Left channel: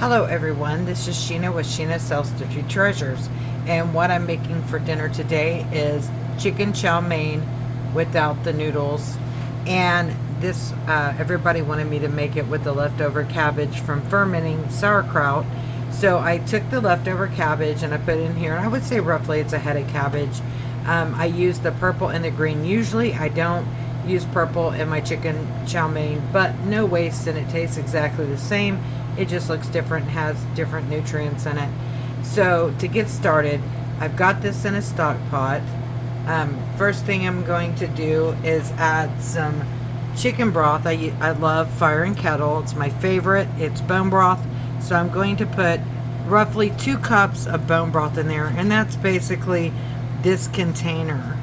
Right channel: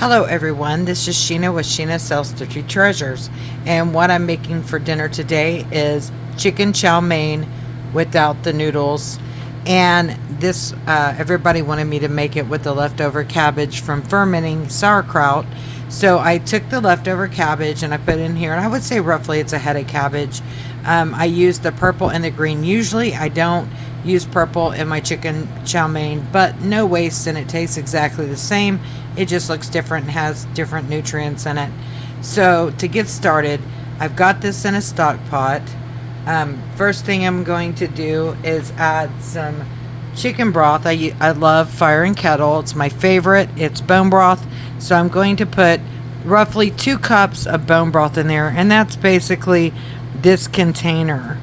Hello everyone, this is Sheena with Sheena Sells Thrifty Treasures, and what I'm making for dinner today is chicken chow mein without the noodles. And this everybody wanted me to make it with the leftover cabbage from fermenting sauerkraut. So I took the leftover cabbage and I put it in here, and I would say roughly it's a head of cabbage. I used the purple and the green. Usually I don't use purple in my chicken chow mein, but no waste, and it tastes exactly the same. It just looks different and has different nutrients in it. So to get started, I've got this in a stock pot. First thing I'm going to do is add some chicken broth. I love Fire and Kettle. It's my favorite. It's bone broth. So I'm going to put roughly 2 cups of bone broth in there, and that's basically this container.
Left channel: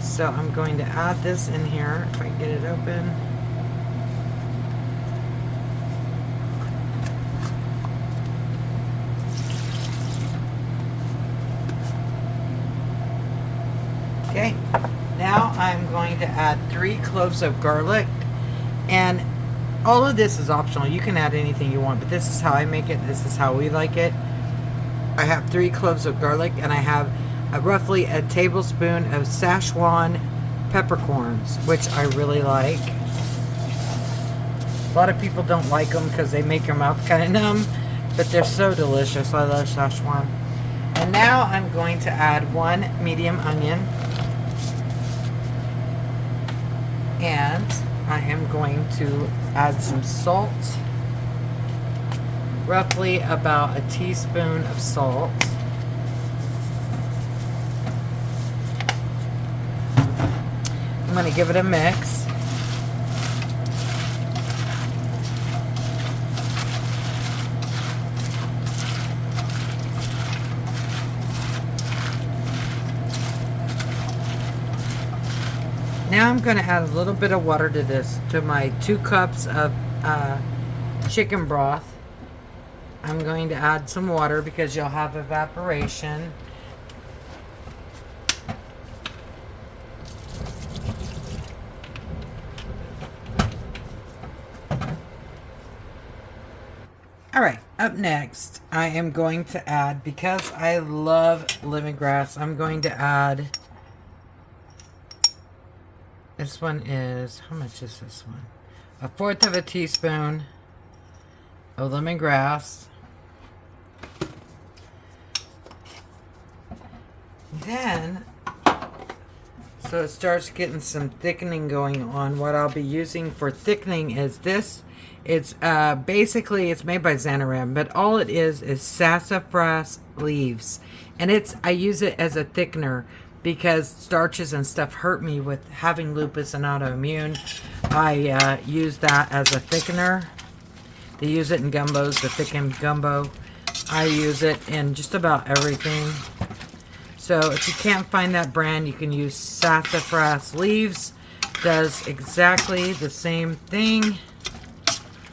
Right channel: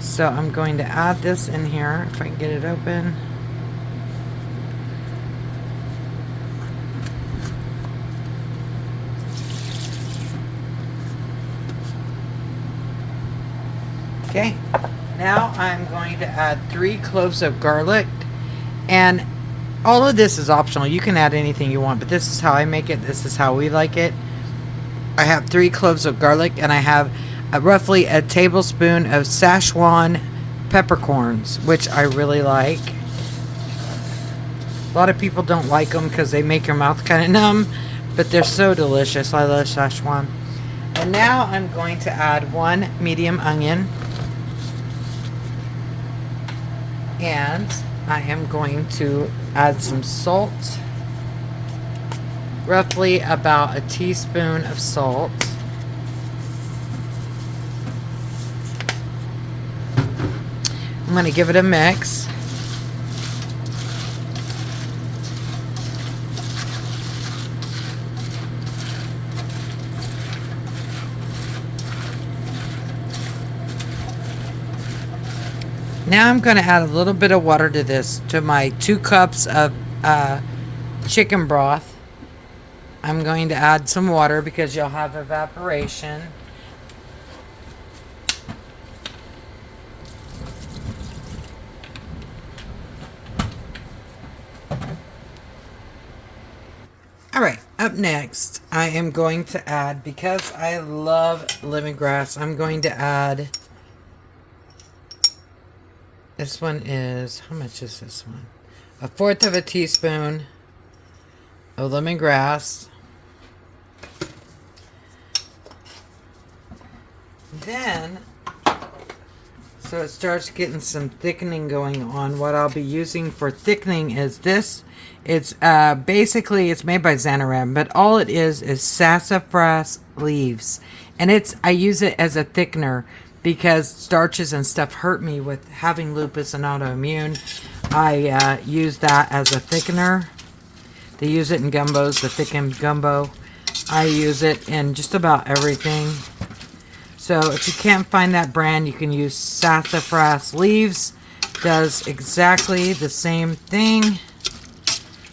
So I'm going to add this in here, if I can get it open. Okay, now I'm going to add 3 cloves of garlic, and all of this is optional. You can add anything you want, but this is how I make it. This is how we like it. I have 3 cloves of garlic, and I have roughly a tablespoon of Szechuan peppercorns, which I really like. A lot of people don't like them because they make your mouth kind of numb, but they're so delicious. I love Szechuan. And now I'm going to add 1 medium onion. And I am going to add some salt, roughly about a teaspoon of salt. I'm going to give it a mix. Now I'm going to add a little bit of water to this, to my 2 cups of chicken broth. I'm going to add some water because you'll have evaporation. Alright, up next, I am going to add, because I love lemongrass, I'm going to add, this one is, how much is this one? 1/4 of a teaspoon of lemongrass. Then, so it starts getting some thickening going on. What I'll be using for thickening is this. It's basically, it's made by Xanaran, but all it is sassafras leaves. And I use it as a thickener because starches and stuff hurt me with having lupus and autoimmune. I use that as a thickener. They use it in gumbos, the thickened gumbo. I use it in just about everything. So if you can't find that brand, you can use sassafras leaves. Does exactly the same thing.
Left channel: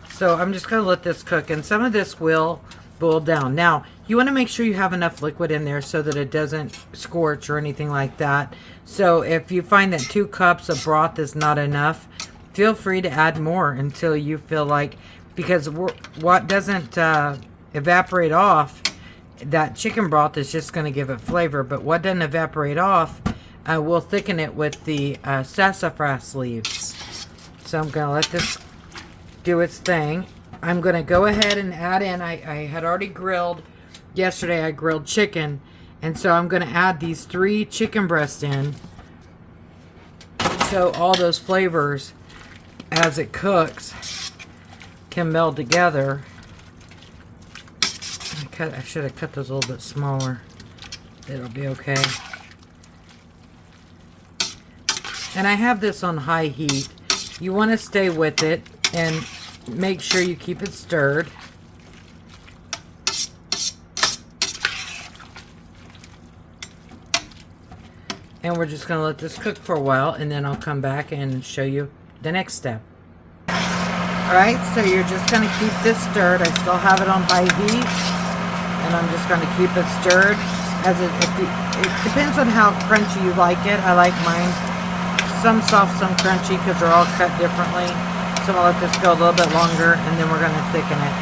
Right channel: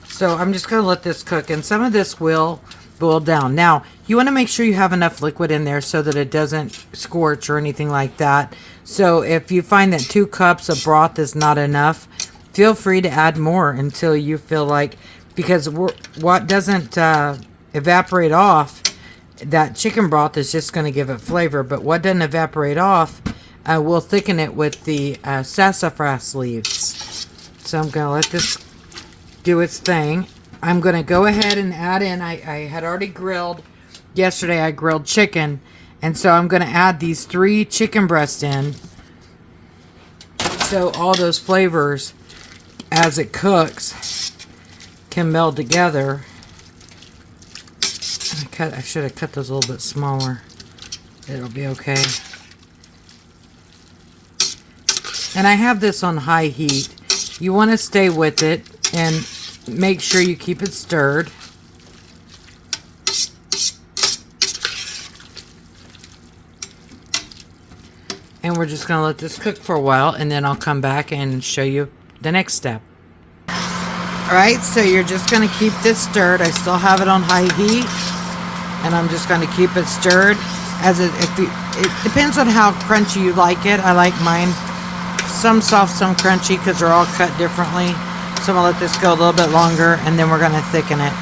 So I'm just going to let this cook, and some of this will boil down. Now, you want to make sure you have enough liquid in there so that it doesn't scorch or anything like that. So if you find that 2 cups of broth is not enough, feel free to add more until you feel like, because what doesn't evaporate off, that chicken broth is just going to give it flavor, but what doesn't evaporate off will thicken it with the sassafras leaves. So I'm going to let this do its thing. I'm going to go ahead and add in, I had already grilled, yesterday I grilled chicken, and so I'm going to add these 3 chicken breasts in, so all those flavors, as it cooks, can meld together. I should have cut those a little bit smaller. It'll be okay. And I have this on high heat. You want to stay with it and make sure you keep it stirred. And we're just going to let this cook for a while, and then I'll come back and show you the next step. Alright, so you're just going to keep this stirred. I still have it on high heat, and I'm just going to keep it stirred. It depends on how crunchy you like it. I like mine some soft, some crunchy, because they're all cut differently. So I'm going to let this go a little bit longer, and then we're going to thicken it.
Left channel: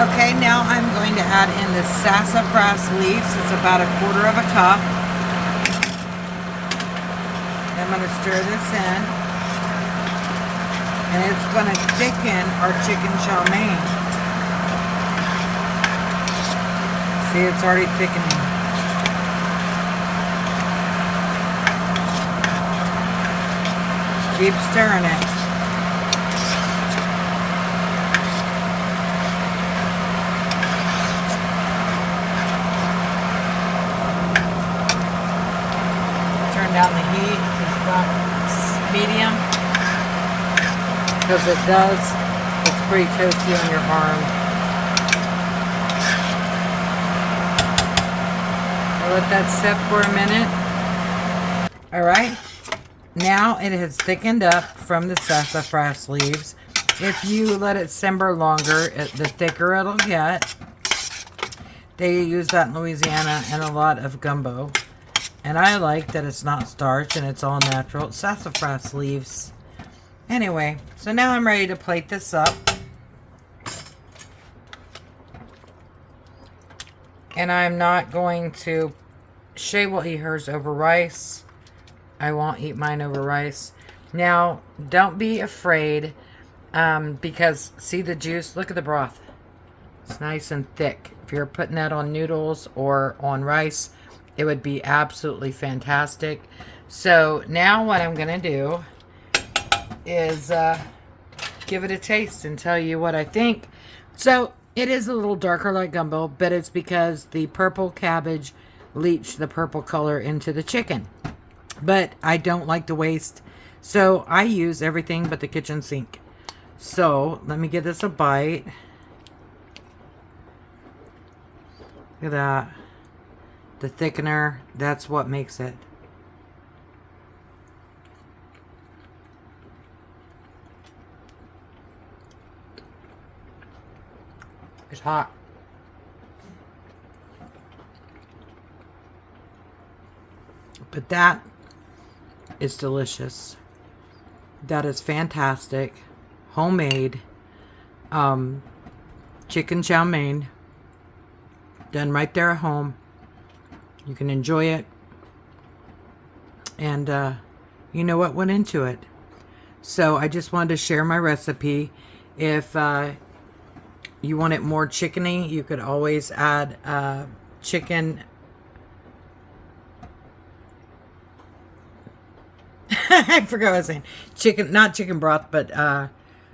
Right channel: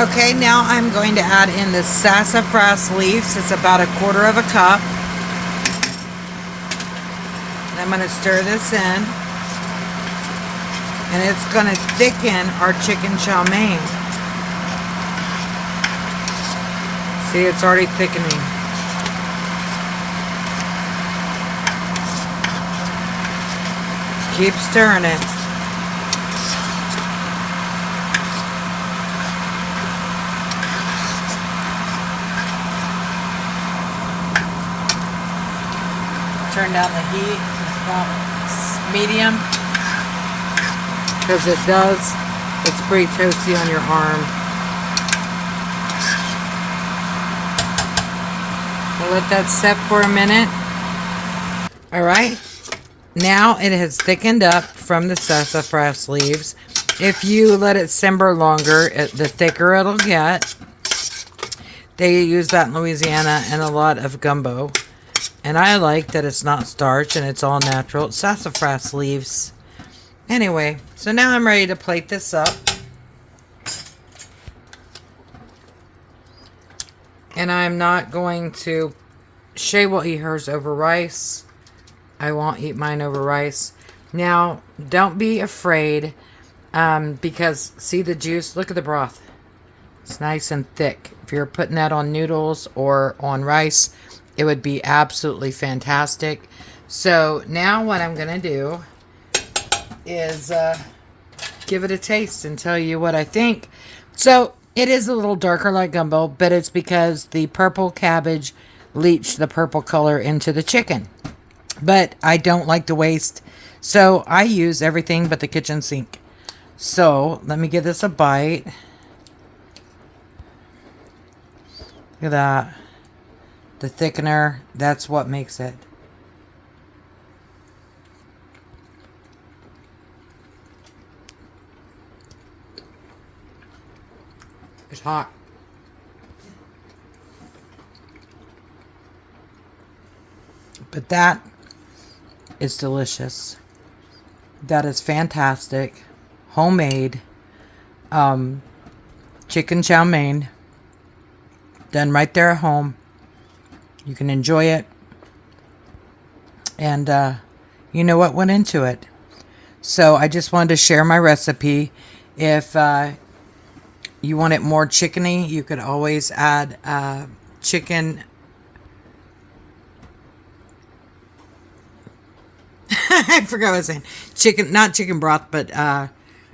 Okay, now I'm going to add in the sassafras leaves. It's about 1/4 of a cup. I'm going to stir this in. And it's going to thicken our chicken chow mein. See, it's already thickening. Keep stirring it. Turn down the heat to about medium, because it's pretty toasty on your arm. So let that set for a minute. All right, now it has thickened up from the sassafras leaves. If you let it simmer longer, the thicker it'll get. They use that in Louisiana and a lot of gumbo. And I like that it's not starch and it's all natural. It's sassafras leaves. Anyway, so now I'm ready to plate this up. And I'm not going to... Shay will eat hers over rice. I won't eat mine over rice. Now, don't be afraid, because see the juice? Look at the broth. It's nice and thick. If you're putting that on noodles or on rice, it would be absolutely fantastic. So now what I'm going to do is give it a taste and tell you what I think. So it is a little darker like gumbo, but it's because the purple cabbage leached the purple color into the chicken. But I don't like to waste, so I use everything but the kitchen sink. So let me give this a bite. Look at that. The thickener, that's what makes it. It's hot. But that is delicious. That is fantastic. Homemade chicken chow mein. Done right there at home. You can enjoy it. And you know what went into it. So I just wanted to share my recipe. If you want it more chickeny, you could always add chicken. I forgot what I was saying. Chicken, not chicken broth, but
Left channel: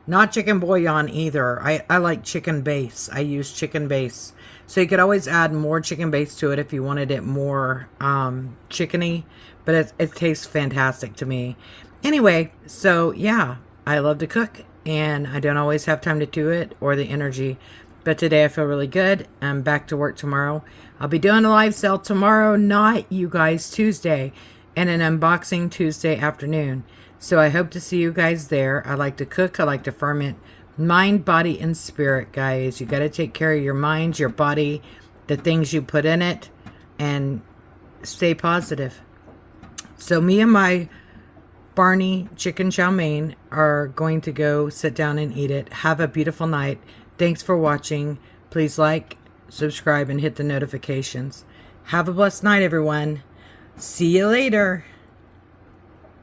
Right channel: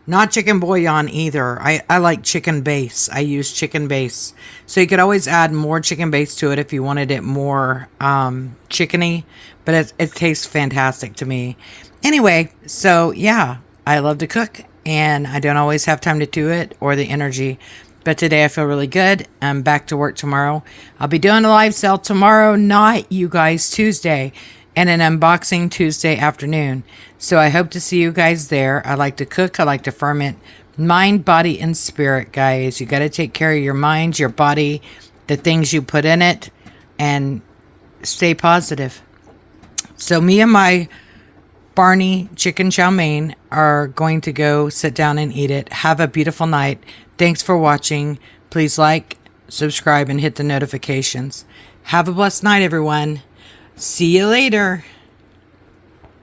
not chicken bouillon either. I like chicken base. I use chicken base. So you could always add more chicken base to it if you wanted it more chickeny. But it tastes fantastic to me. Anyway, so yeah, I love to cook. And I don't always have time to do it or the energy. But today I feel really good. I'm back to work tomorrow. I'll be doing a live sale tomorrow night, you guys, Tuesday. And an unboxing Tuesday afternoon. So I hope to see you guys there. I like to cook. I like to ferment. Mind, body, and spirit, guys. You got to take care of your mind, your body, the things you put in it, and stay positive. So me and my Barney chicken chow mein are going to go sit down and eat it. Have a beautiful night. Thanks for watching. Please like, subscribe, and hit the notifications. Have a blessed night, everyone. See you later.